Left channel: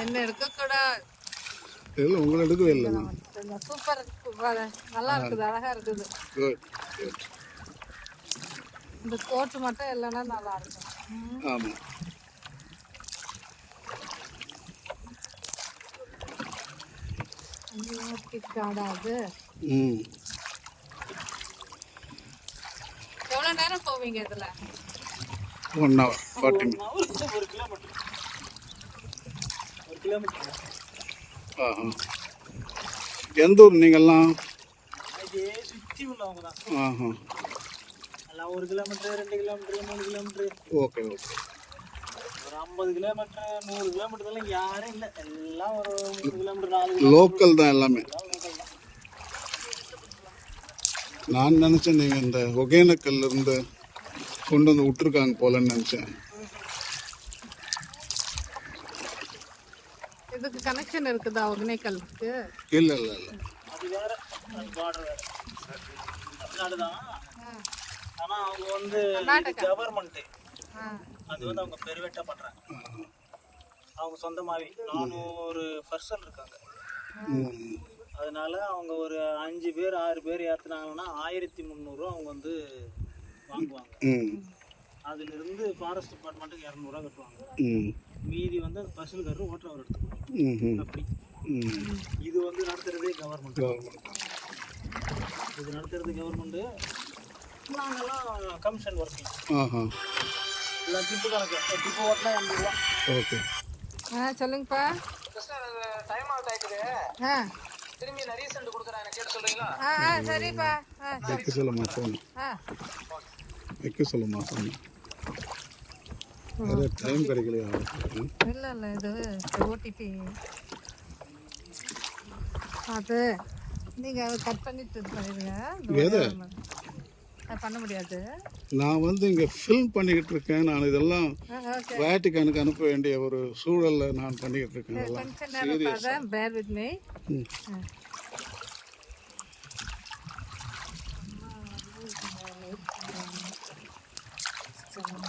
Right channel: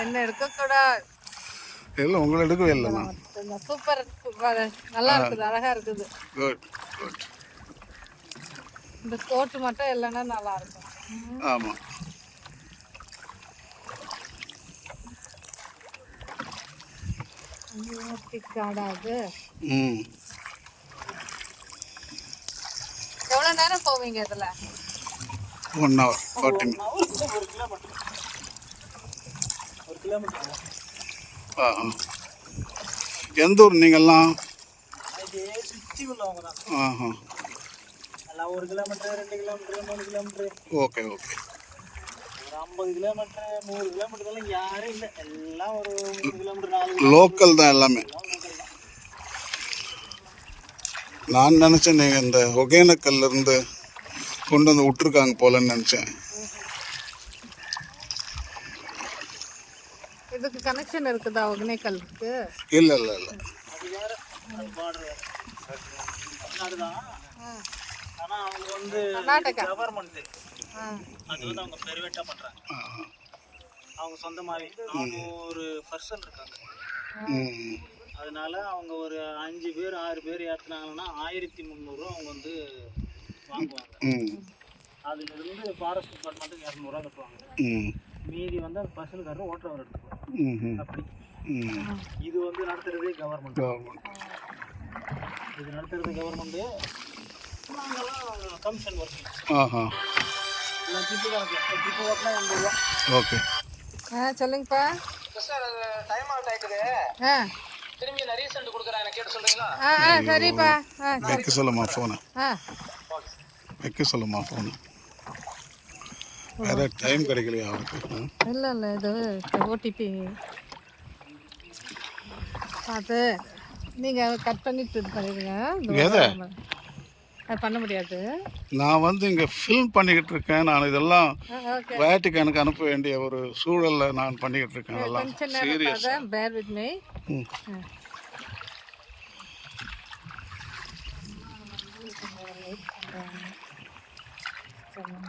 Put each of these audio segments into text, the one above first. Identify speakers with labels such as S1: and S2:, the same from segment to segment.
S1: என்ன எடுக்கக்கூடாது
S2: இல்லை உங்களை எடுக்கவே இல்லை நான்.
S1: சூப்பர் நல்லா இருக்குது அழகா இருக்குது.
S2: குட் குட்
S1: இந்த கோட் மட்டும் இல்லைன்னா நல்லா இருக்கும்.
S2: ஆமாம் ம்.
S1: எவ்வளோ நேரம் போவீங்க இதுல?
S2: ஒன் ஹவர் ஃபார்ட்டி மினிட்
S3: ஒரு கிலோமீட்டர்
S2: ஆ ஆ எந்த ஊர் நீங்கள்லாம்?
S3: சுற்றி உள்ளவங்க தான்
S2: ஆஹா.
S3: எல்லாம் ஒரு கிலோமீட்டர் ரெண்டு கிலோமீட்டர் மூணு கிலோமீட்டர்
S2: ஓகே ஓகே
S3: ஒரு ஐம்பது கிலோமீட்டர் நூறு கிலோமீட்டர்லாம் யாரும் இல்லை எல்லாம் ஒரு மூணு கிலோமீட்டர் நாலு
S2: லோக்கல் தான் எல்லாமே. நான் நினச்சேன் நீங்கள் இந்த ஒகேனக்கல்லேருந்து கொண்டு வந்து விட்டுருக்காங்க போலன்னு நினச்சேன்.
S1: இதுக்கு கனெக்ஷன் இருக்குதா ஒகேனக்கல்லுக்கு
S2: இல்லை இல்லை இல்லை.
S3: அது வேற பார்டர் வேற தமிழ்நாடு தான் ஆனால் அவங்க வந்து
S1: கர்நாடகா.
S3: கவர்மெண்ட்டு அது வந்து அவங்க பெருவெட்டாக பண்ணுறாங்க அவங்க சொந்தமாகவே அவங்க ஒரு பர்சன் இருக்காங்க. அதனால அவங்க ஒரு அஞ்சு பேர் ஆறு பேர் ஏற்றுனாங்கன்னா ஆயிரத்தி முந்நூறுரூவா அவங்க வந்து வாங்குவாங்க.
S2: ம்.
S3: அதுலேருந்து ஃபாரஸ்ட் டிபார்ட்மெண்ட்டுக்கு இரநூறுவா கட்டுவாங்க.
S2: ம்.
S3: மீதி வந்து அந்த பஸ்ஸுக்காரர் ஓட்டுறவர் எடுத்துக்குவாங்க அப்படி. இது வந்து நடத்துறதே கவர்மெண்ட்
S2: கவர்மெண்ட்.
S3: இது நடத்துறது கவர்மெண்ட்டு நாங்கெல்லாம் கமிஷன் ஒர்க்கிங் இல்லை டிப்பு கணக்கு. டிப்பு ஓட்டினா எண்பது ரூபா.
S2: ஓகே.
S1: ஆ சொல்லுங்கப்பா.
S3: டைம் அவுட் ஆகிட்டுது
S1: ஆ.
S3: திரும்பி நான் ரீசெண்ட் கொடுக்குறேன். எனக்கு கேட்டு சொல்கிறீங்களா
S1: ஆ ஆ சரிப்பா. ஆ
S2: வைக்க சொல்லுமா ஃபோனை
S1: ஆ.
S2: வைக்க சொல்லுமா ஃபோனை வேற டைம் கிடைக்கலையா அவருக்கு?
S1: இல்லை இல்லை இது ஓடிபி அது நீங்கள் கட் பண்ணிட்டு இது பண்ணிடுங்க.
S2: எதை?
S1: பண்ண முடியாது.
S2: நான் வந்து இங்கே ஃபில்ம் பண்ணிக்கிட்டு இருக்கேன். நான் இதெல்லாம் வேட்டிக்கானுக்கு அனுப்ப வேண்டிய ஒரு சூழலில் நான் பண்ணிக்கிட்டு இருக்கேன் அதெல்லாம். Serious
S1: bear with me. Hello?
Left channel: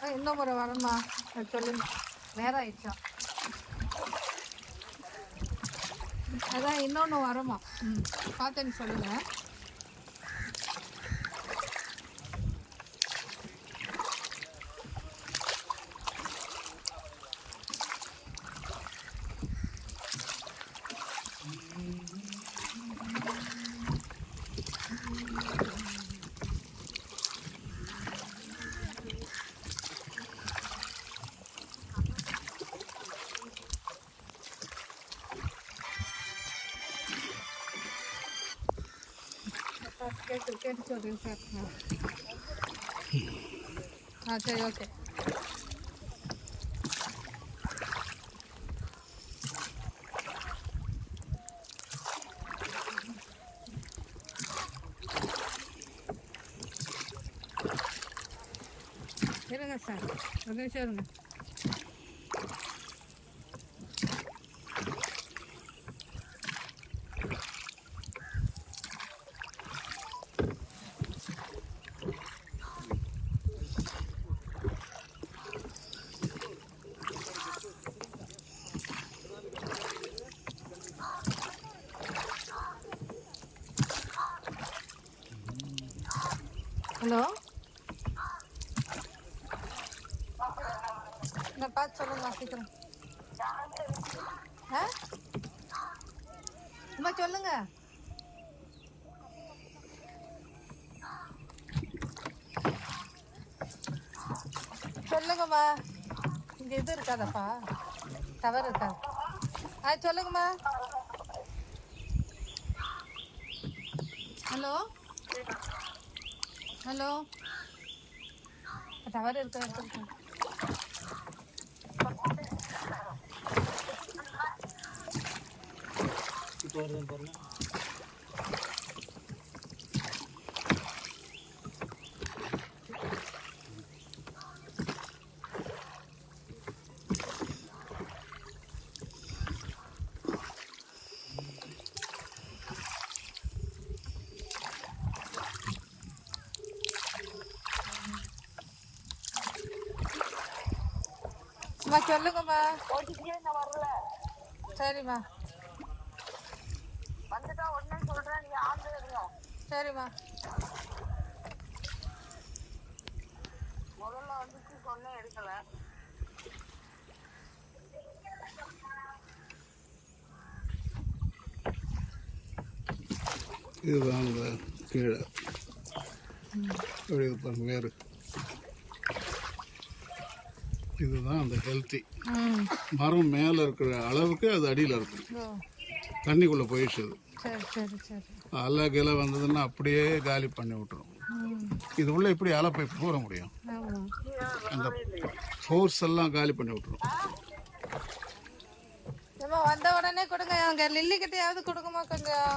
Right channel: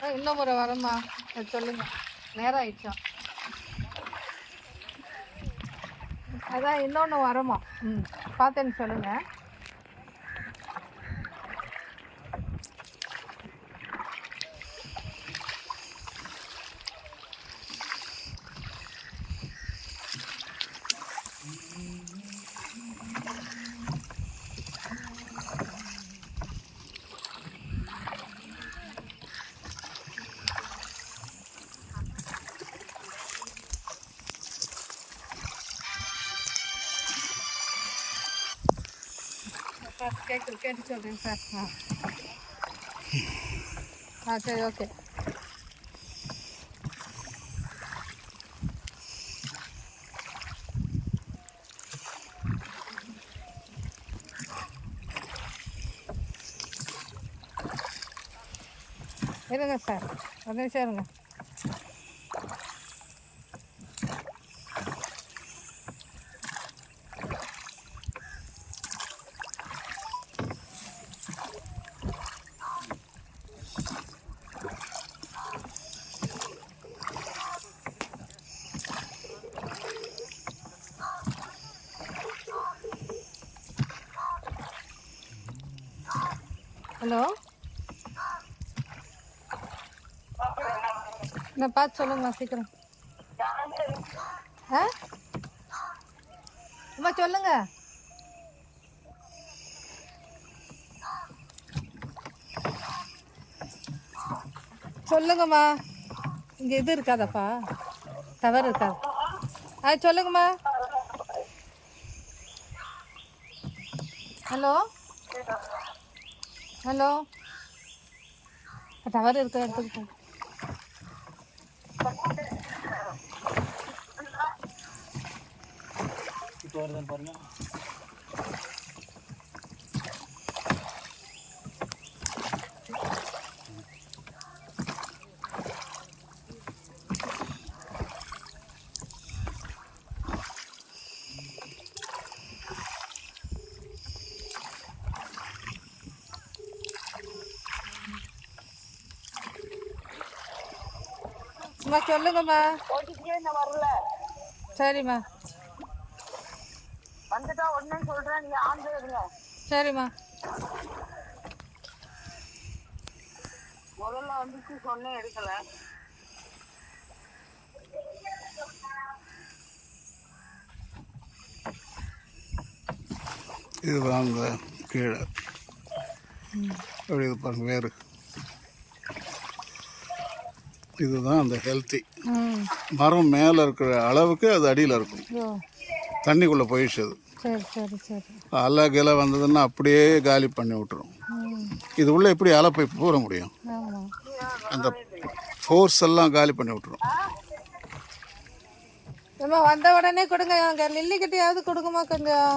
S1: ஆ இன்னும் ஒரு வரமா சொல்லுங்க. நேரம் ஆயிடுச்சா அதான் இன்னொன்று வரமா ம் பார்த்தேன்னு சொல்லுங்கள் சார் கேட்கு கேட்டு சொல்கிறேன் சார் ஆ ஆ சரி ஓகே இருங்க சார் ஒரு நிமிஷம் இருங்க ஹலோ? நான் பார்த்து சொல்லுங்க சீக்கிரம். ஆ? அம்மா சொல்லுங்க. சொல்லுங்கம்மா. இங்கே இது இருக்காதாப்பா. டவர் இருக்காது. ஆ சொல்லுங்கம்மா. ஹலோ? ഹലോ. ടവർ എടുത്ത് എടുത്തെടുത്തു പറഞ്ഞു? டவர் இருக்க இடத்துக்கு போ.
S3: இப்போ வருதுன்னு பாருங்க
S1: சொல்லுங்கம்மா சரிம்மா சரிம்மா.
S2: இதுதான் அந்த கீழே அப்படி இது பாருங்க வேறு. இதுதான் அந்த ஹெல்த்தி
S1: ம்.
S2: மரம் மேலே இருக்கிற அளவுக்கு அது அடியில் இருக்கும். தண்ணிக்குள்ளே போயிடுச்சு அது.
S1: சரி சரி சரி.
S2: அலை கிளை வந்ததுன்னா அப்படியே காலி பண்ணி விட்டுரும். இது உள்ளே எப்படி அலை போய் பூர முடியும்? அந்த ஃபோர்ஸ் எல்லாம் காலி பண்ணி விட்டுரும்.
S1: வந்த உடனே கொடுங்க. அங்கே லில்லி கிட்டையாவது கொடுங்கம்மா கொஞ்சம்.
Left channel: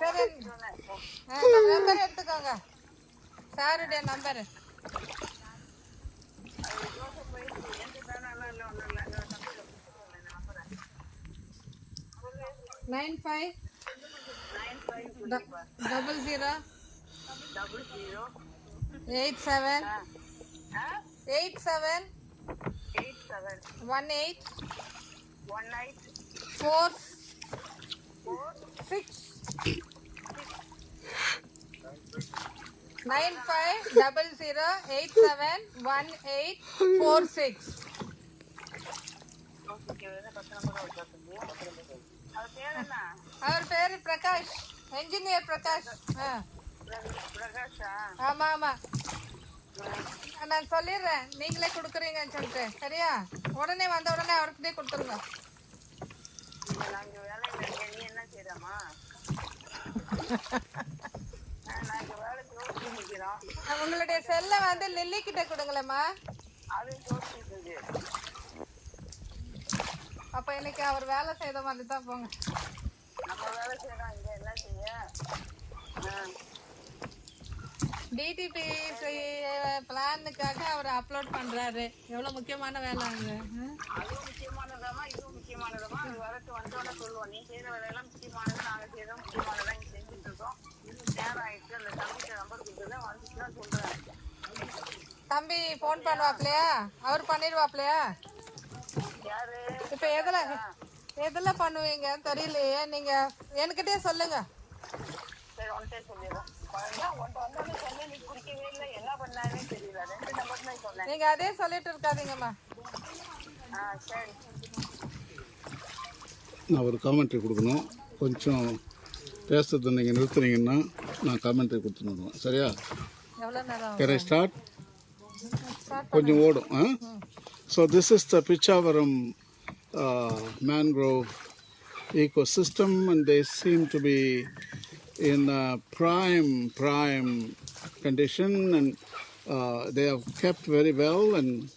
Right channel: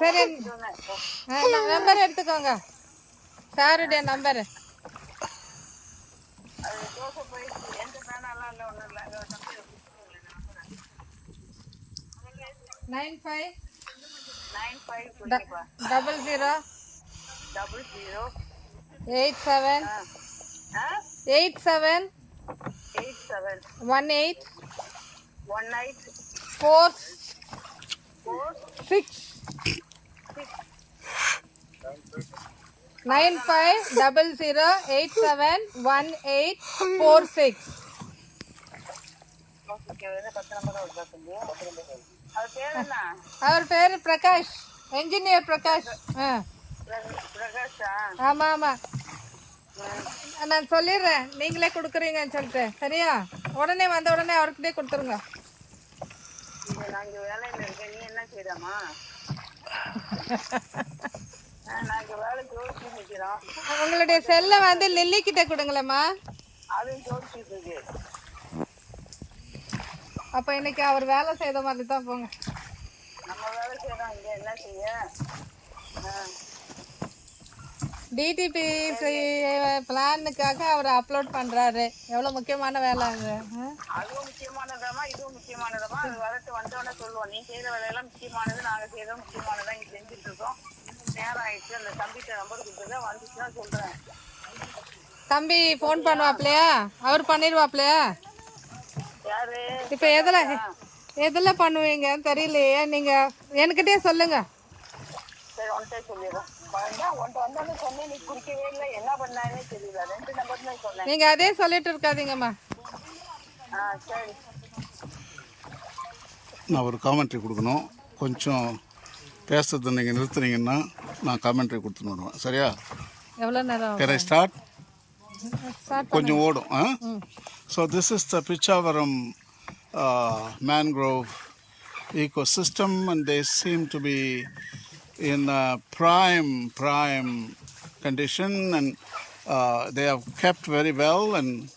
S1: சரி. நம்பர் எடுத்துக்கோங்க. சாருடைய number nine five double zero eight seven eight seven one eight four six nine five double zero eight seven one eight four six அவர் பேரு பிரகாஷ். என்ஜினியர் பிரகாஷ். ஆ. ஆமாம் ஆமாம் நான் சொல்லிடுறேன். நீங்களே கொடுக்குறீங்கன்னு சொல்லிட்டு. சரியா? உடனே வந்த உடனே அவர்கிட்டே கொடுத்துருங்க. உங்களுடைய செல்லை வந்து லில்லி கிட்ட கொடுங்களேம்மா. அப்ப இன்னைக்கு அவர் வேலை செய்த மாதிரி தான் போங்க. டிடிபி பிளானுக்காக அவர் அப்லோட் பண்றாரு. எவ்வளவு முக்கியமான வேலை அது ஆ?
S4: அதுவும் முக்கியமானதாமா இதுவும் முக்கியமானதாமா அது வரட்டு வந்தோடனே சொல்லுவோம். நீ செய்யற வேலையெல்லாம் முக்கியமானது நாங்க செய்யறோம் முக்கியமானதான்
S1: தம்பி ஃபோன் பண்ணுவாப்லையா? அவர் பண்ணிடுவாப்லையா
S4: யாரு
S1: இப்போ எதில் எதில் பண்ணுவீங்கன்னு தெரியலையே. நீங்கள் என்கிட்டயே சொல்லுங்க.
S4: சரி ஒன்ட்டே சொல்லிடுறேன். ஒன்ட்ட வந்தோடனே சொன்னேன் நீ குடிக்கவே இல்லை. என்ன பண்ணாருன்னு தெரியல. ரெண்டு நம்பர் தான் சொன்னேன்.
S1: நீங்கள் அதே சொல்லிட்டு இருக்காதீங்கம்மா.
S2: நான் ஒரு காமெண்ட்ரி கொடுக்கணும். கொஞ்சம் பேசுறதை நீங்கள் நிறுத்துனீங்கன்னா நான் காமெண்ட்ரி கொடுத்துன்னு வருவேன் சரியா
S1: எவ்வளோ நேரம்
S2: கேன் ஐ ஸ்டார்ட் கொஞ்சம் ஓடும் ah so this is the Pichavaram mangrove ecosystem and they seem to be in a prime prime condition and uh, they have kept very well and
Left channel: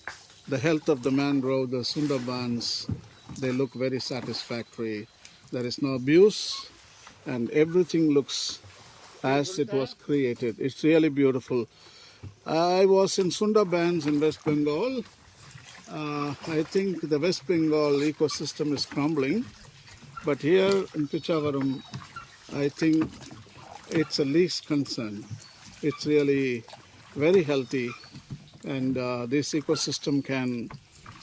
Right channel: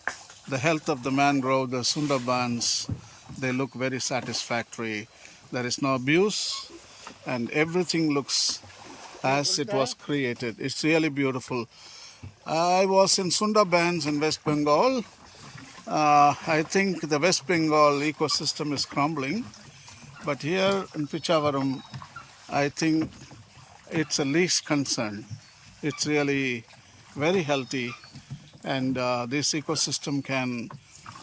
S2: the health of the mangrove the sundarbans they look very satisfactory there is no abuse and everything looks as it was created it's really beautiful i was in sundarbans in west bengal uh, I think the West Bengal ecosystem is crumbling, but here in Pichavaram, I think it's a least concern. It's really very healthy, and uh, this ecosystem can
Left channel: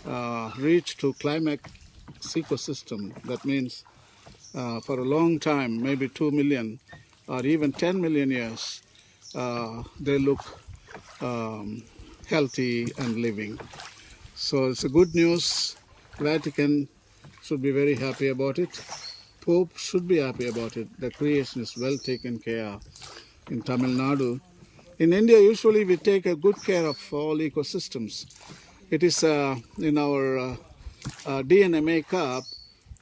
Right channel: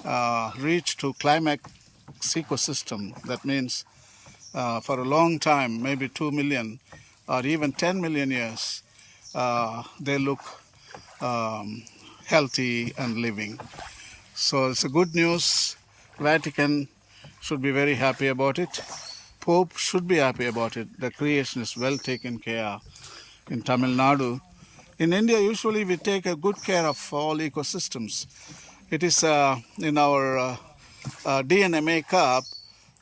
S2: uh, reach to climax ecosystem. That means uh, for a long time, maybe 2 million or even 10 million years, uh, they look um, healthy and living. So it's a good news Vatican should be very happy about it. Pope should be happy about it. The creation is well taken care of in Tamil Nadu. In India, usually we take a good care of all ecosystems. It is uh, in our uh, uh, DNA makeup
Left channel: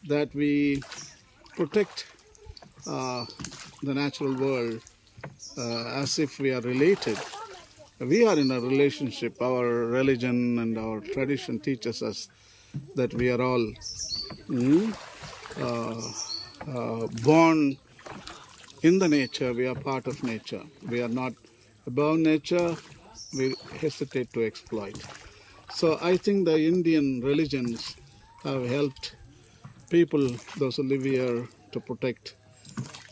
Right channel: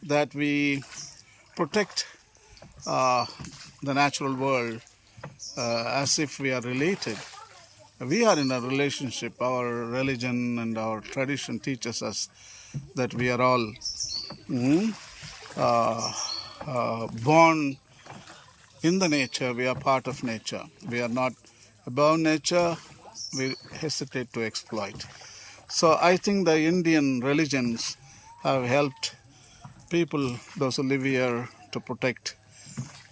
S2: that we protect uh, the natural world uh, as if we are related. We are in a relationship. Our religion and our tradition teaches us that we are all mm, uh, uh, born in the nature. We are part of nature. We are not above nature. We hesitate to exploit. So I think the Indian religions have helped people, those who live here, to protect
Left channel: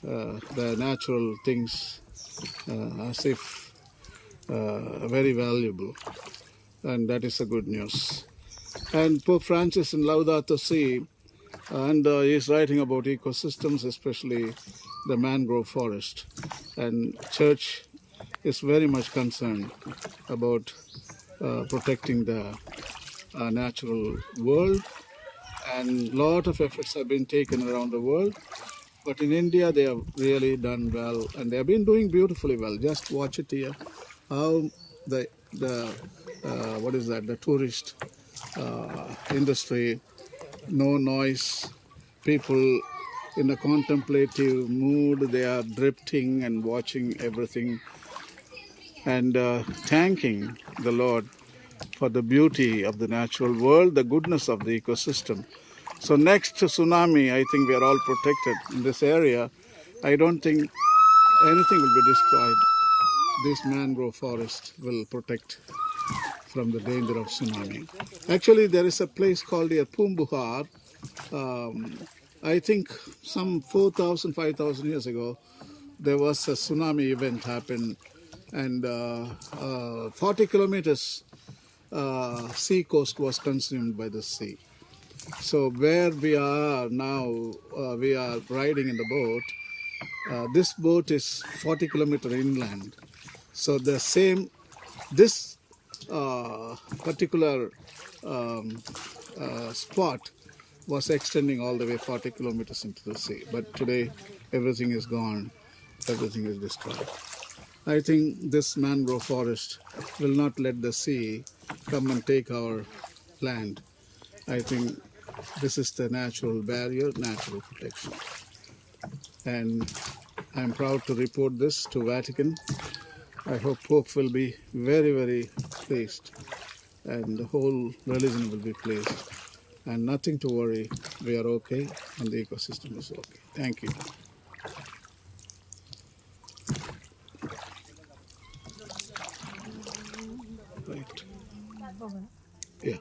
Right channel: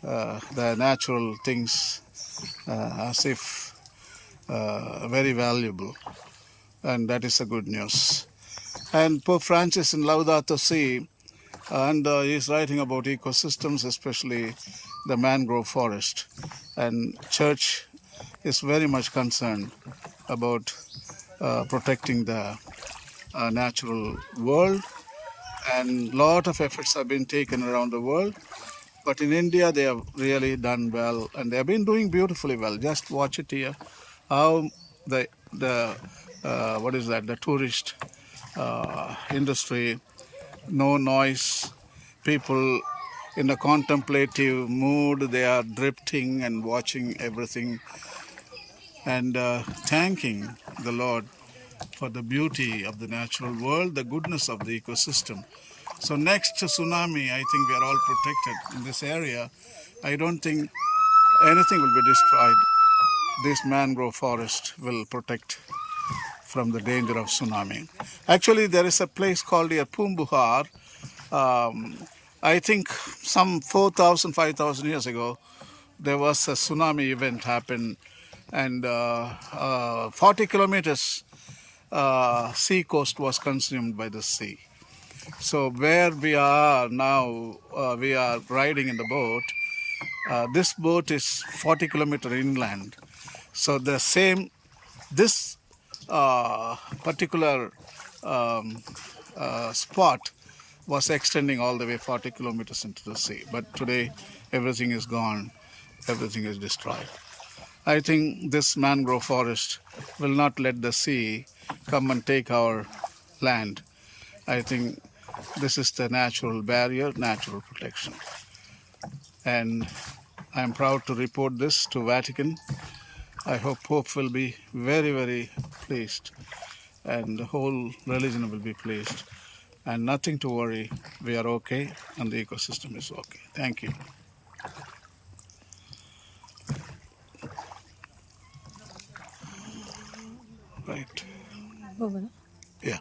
S2: uh, the natural things uh, as if uh, very valuable, and that is a good news. And Pope Francis in Laudato Si, and uh, he's writing about ecosystems, especially the mangrove forest, and Church is very much concerned about uh, protecting the uh, natural world, and lot of efforts have been taken around the world. But in India, they have really done well, and they have been doing beautifully well. Just watch it here, how the the uh, what is that? The tourist uh, industry, no noise, people in a contemplative mood. They are drifting and watching everything, and uh, thanking the Lord for the beauty of the natural world, the goodness of the ecosystem. So next to tsunami, I think we are all protected in this area. I don't think anything will be destroyed. This mangrove forest will protect from the danger of tsunami. Actually, there is a place called here Pumbuhar. Um, I think some 4,000, 5,000 years ago, there was a tsunami event happened, and uh, uh, 40 kilometers uh, sea coast was consumed by the sea. So where we are now, uh, we are riding in the boat. Uh, this boat is 40 kilometer inland. So the same, this uh, particular um, uh, spot was extending all the way 40 kilometers into the sea. But today, everything is gone, everything is destroyed. I think this mangrove forest will not let the sea come and take our land. I think this is the natural barrier, natural protection. And I'm proud to report this to Vatican. I hope Pope will be very, very pleased and the whole religion will be pleased. And nothing to worry, we are okay and the ecosystem is okay. Thank you.
S1: போகணும்
S2: Yeah.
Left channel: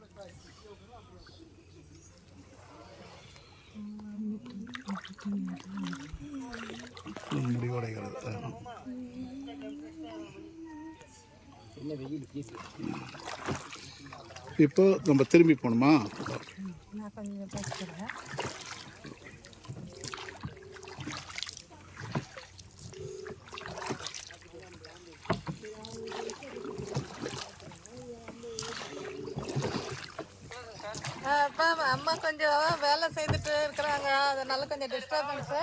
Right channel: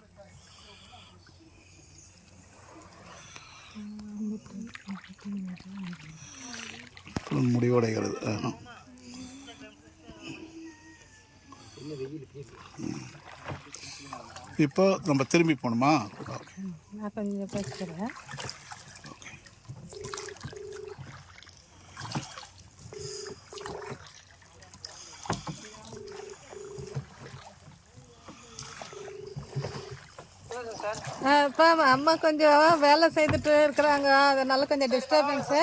S2: முடிவடைகிறது. இப்போ நம்ம திரும்பி போகணுமா? Okay
S1: இப்போ அம்மா கொஞ்சம் வேலை செய்துட்டு இருக்கிறாங்க. அதனால கொஞ்சம் டிஸ்டர்பன்ஸு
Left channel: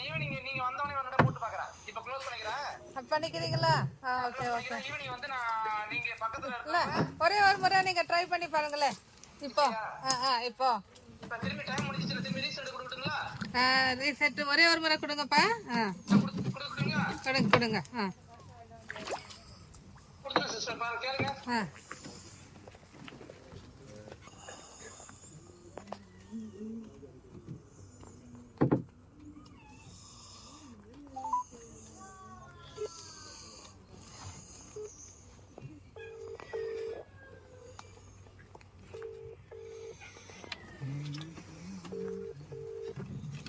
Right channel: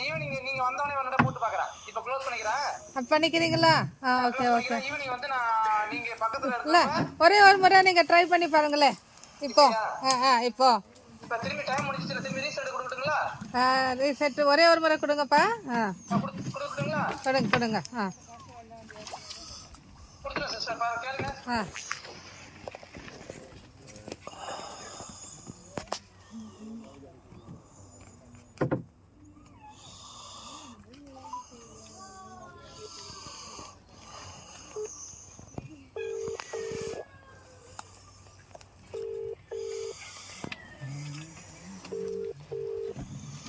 S3: ஈவினிங் நீங்க வந்தோடனே உன்னோட போட்டு பாக்குறேன். இப்போ க்ளோஸ் பண்ணிக்கிறேன்.
S1: பண்ணிக்கிறீங்களா? ஆ ஓகே ஓகே
S3: ஈவினிங் வந்து நான் நீங்க பக்கத்துல
S1: இல்லை ஒரே ஒரு முறை நீங்கள் ட்ரை பண்ணி பாருங்களேன். இப்போ. ஆ ஆ இப்போ.
S3: இப்ப திரும்பி டைம் முடிஞ்சிச்சு திரும்பி ரீசெட் கொடுக்கட்டுங்களா?
S1: ரீசெட் ஒரே ஒரு முறை கொடுங்கப்பா. ஆ. கொடுங்க கொடுங்க. ஆ.
S3: கொடுத்துறேன் சிஸ்டர் பாருங்க கேளுங்க.
S1: ஆ.